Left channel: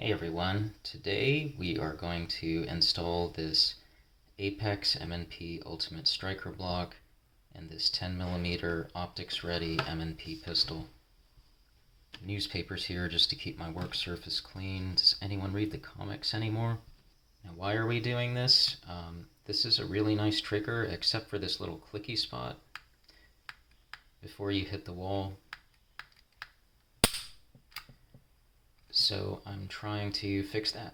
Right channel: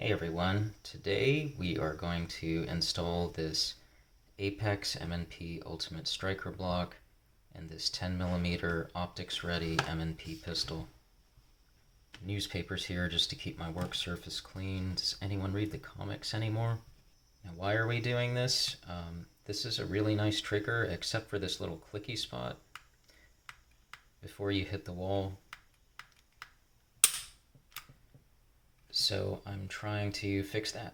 Hey everyone, today we are going to install this Apex M&P Ultimate Striker block and this 10mm Optics Ready M&P pistol. Newspapers here just to keep my work surface clean. Does anyone read the comics anymore? Now why are we doing this? This is a really nice trigger except for this little clicky spot before you hit the wall. So I'm trying to fix that.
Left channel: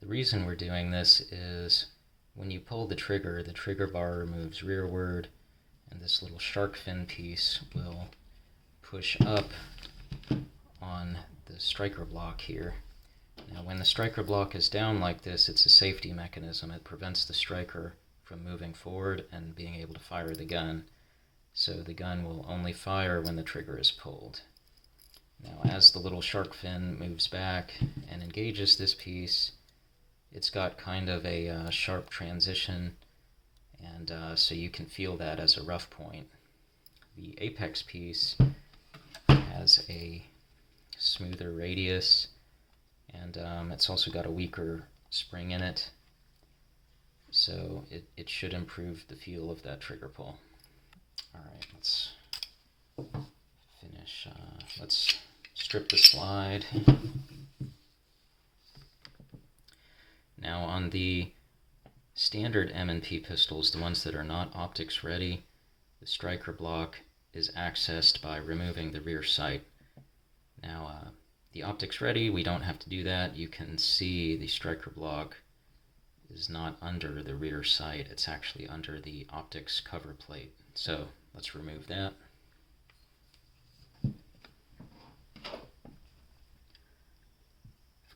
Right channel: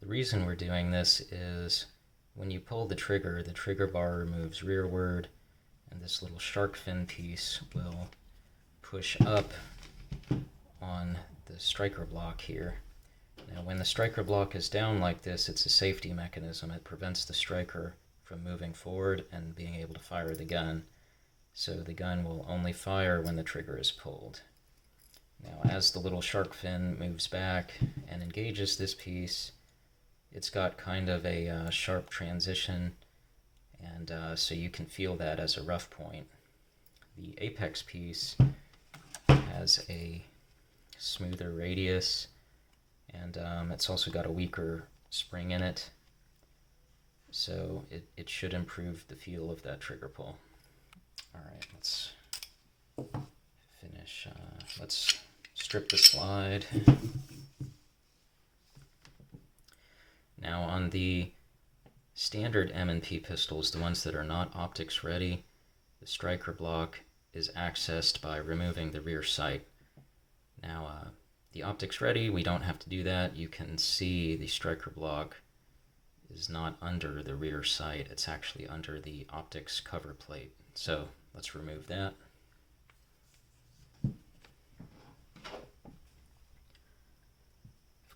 The reason we're doing this is when you pull the trigger bar moves rearward, and this little shark fin piece will push up on the striker block here. Now when the striker block is down like this, it's a safety mechanism. It prevents the striker from moving forward and being able to fire the gun. So the gun will only fire when the trigger is pulled. Now as the little shark fin moves back and engages this piece, it's got kind of a sharp transition, and so you can feel that as a rough point. The apex piece has a smoother radius, and it's also got a weaker spring in it, so it should improve the feel of that trigger pull. Alright, let's finish. Let's strip the slide. Now on the standard M&P pistols, the ones that are not optics ready, the striker block is accessed by removing the rear sight. Now the optics ready, we don't have to do that. You can see the striker block is not under the rear sight, it's actually under the optics cover plate. So let's remove that.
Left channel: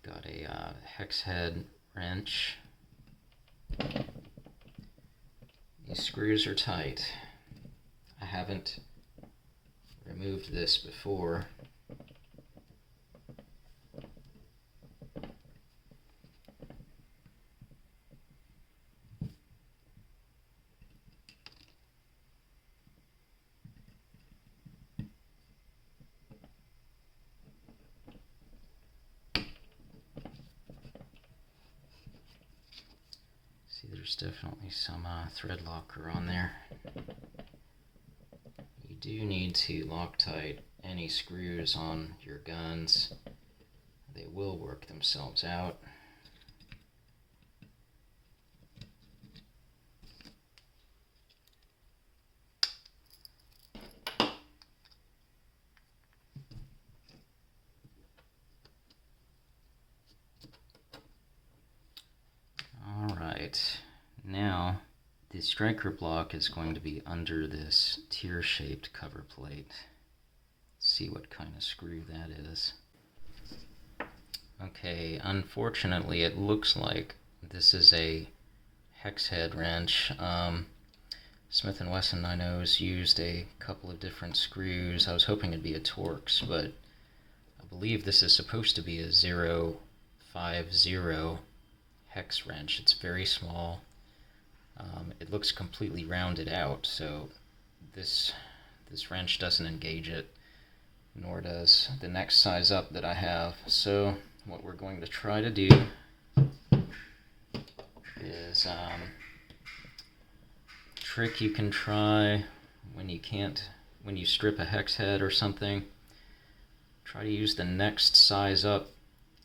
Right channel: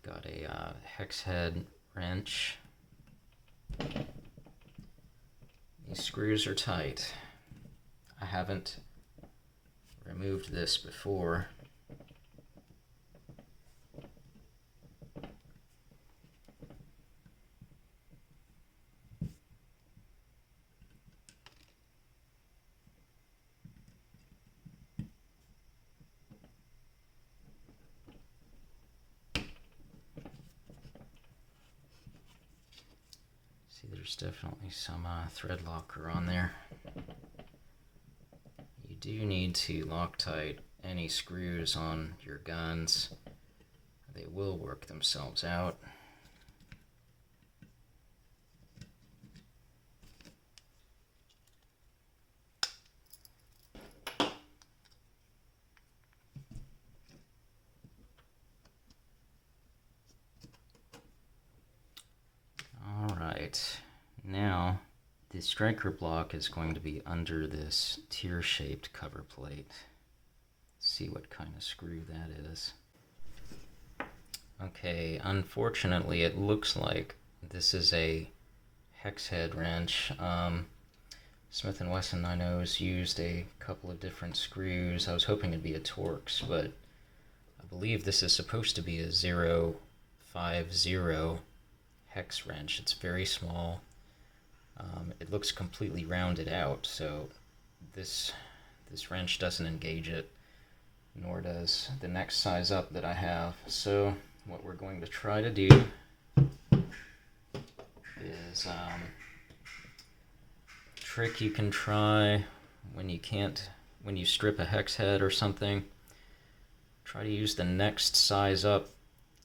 I've got a hex head wrench. These screws are tight. I haven't removed this before. See, there's definitely some thread locker on there. You do need to Loctite any screws on your guns. They will work themselves out. Alright, now the striker block is going to be under this tear-shaped cover plate. Let's see what kind of screw that is. Okay, unfortunately it looks like this is a hex head wrench. Smith Wesson, I know, has used a couple of different screws. I was hoping it'd be a Torx, but I believe this is supposed to be a 050 hex wrench. It's very small. It looks completely rounded out, so this wrench doesn't engage it, nor does the next size up that I have. So what we're going to try to do is trick you can try when you strip a hex head or something. Try to use the next size up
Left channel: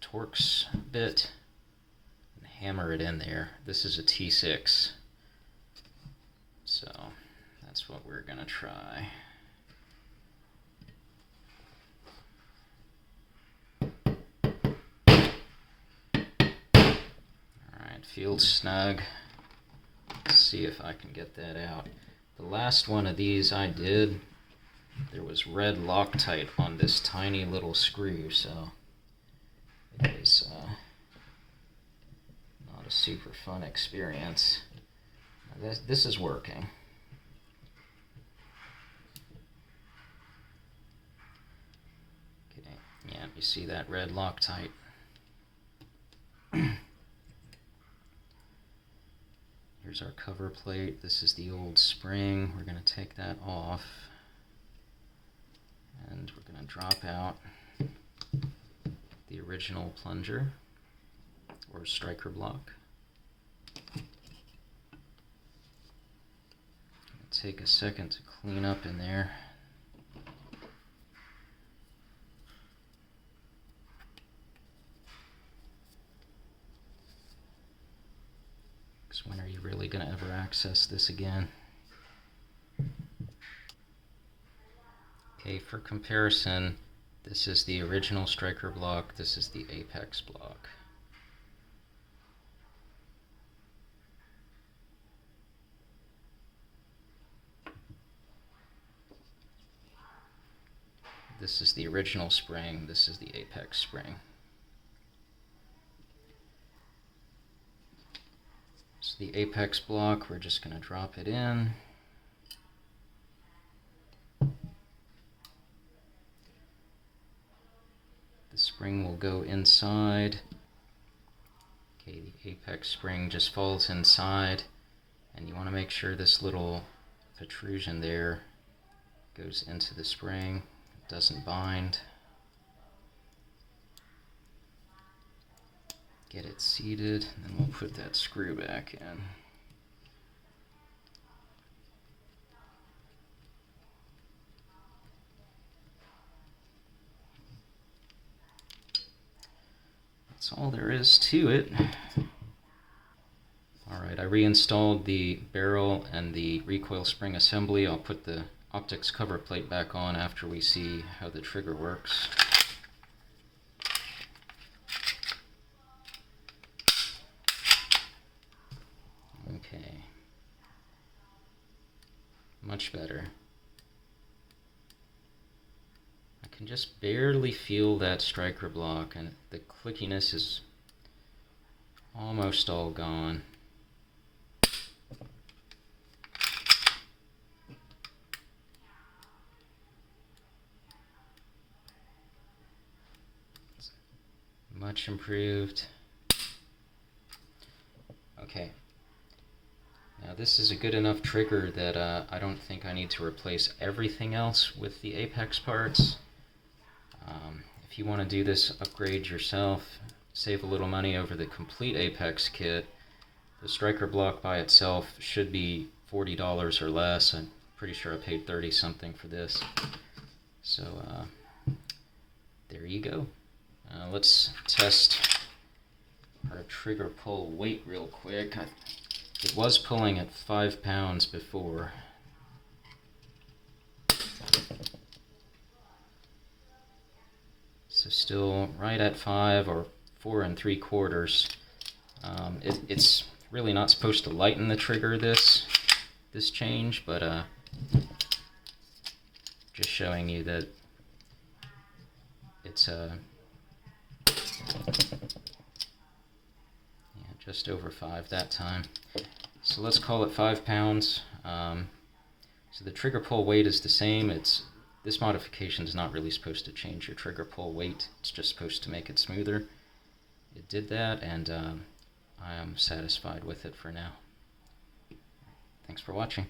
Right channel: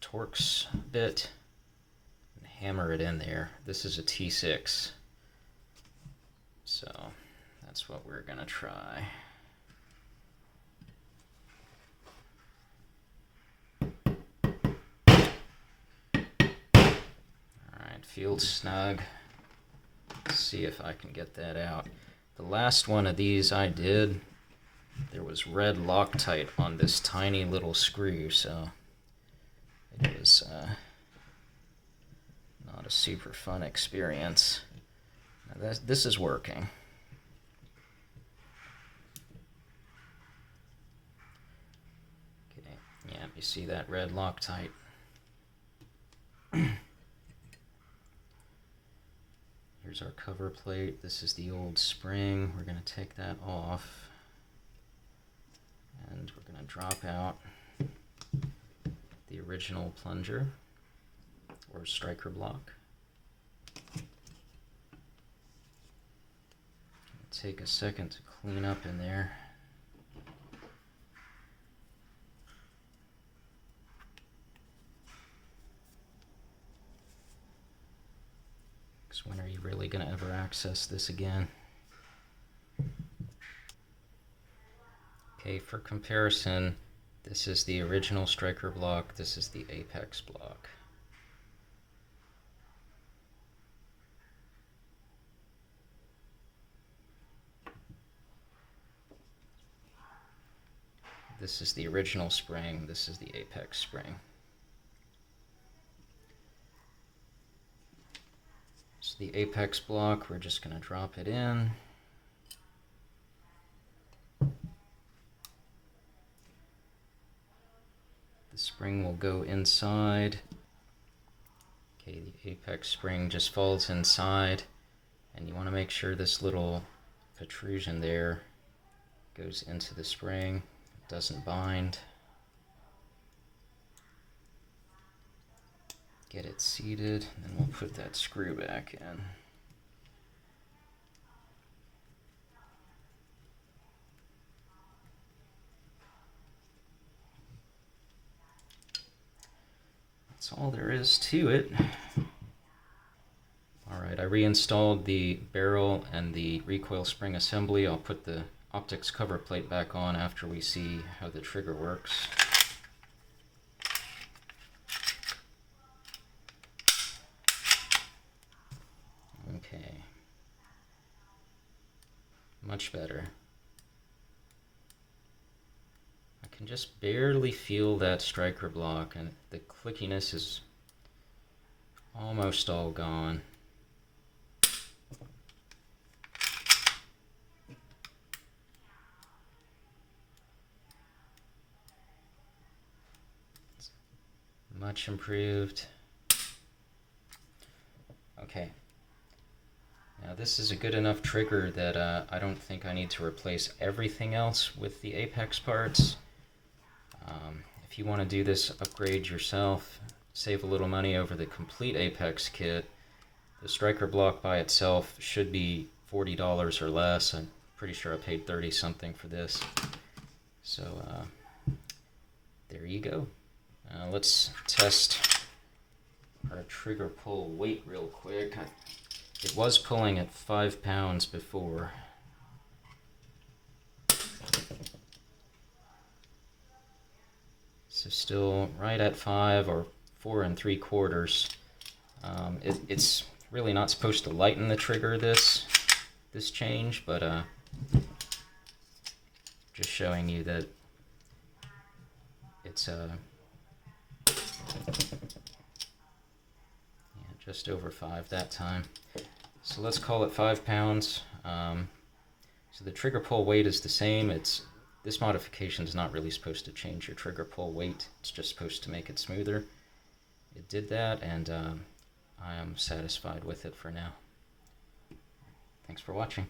Torx bit and hammer it in there. This is a T6, so that's what we're gonna try. Alright, feels snug. Let's see if I can get that out. The last one of these I did, there was red Loctite on this tiny little screw, so it was not a super fun experience. Now this is working. Okay, yeah, you see that red Loctite. Here's our cover plate. This is the old spring. We're going to take that off, and we're going to drop out the original plunger or striker block. Take a second to clean up in there. Because when are you really going to ever access this again? Okay, for comparison, this is the original striker block, this is the apex block. This is the original spring, this is the apex spring. So the apex block, we're just going to drop it in. The spring will go inside. Okay, the apex spring just falls inside, and you want to make sure this little protrusion there goes into the spring, it doesn't bind. Get it seated, and then we'll put that screw back in. That's all there is to it. Alright, I reinstalled the barrel and the recoil spring assembly. I'll put the optics cover plate back on after we see how the trigger works. Okay. Much better. I can just barely feel that striker block, and the clickiness is almost all gone. It's much improved. Okay. Now this is a good enough trigger that I don't think I need to replace everything else with the apex parts. If you want to do this upgrade yourself, save a little money over the complete apex kit, the striker block by itself should be $40 or less. I'm pretty sure I paid 30 something for this. So there you go. Let's test our trigger pull weight real quick. It was pulling at 5 pounds before. So still right at 5 or 4 3/4. It's really not supposed to lighten the trigger this change, but just showing you that it's just over 5 that time. So let's call it 5 pounds. So the trigger pull weight is the same. This modification is not really supposed to change your trigger pull weight. It's just supposed to make it smoother. It did that, and I am satisfied with it for now. Thanks for watching.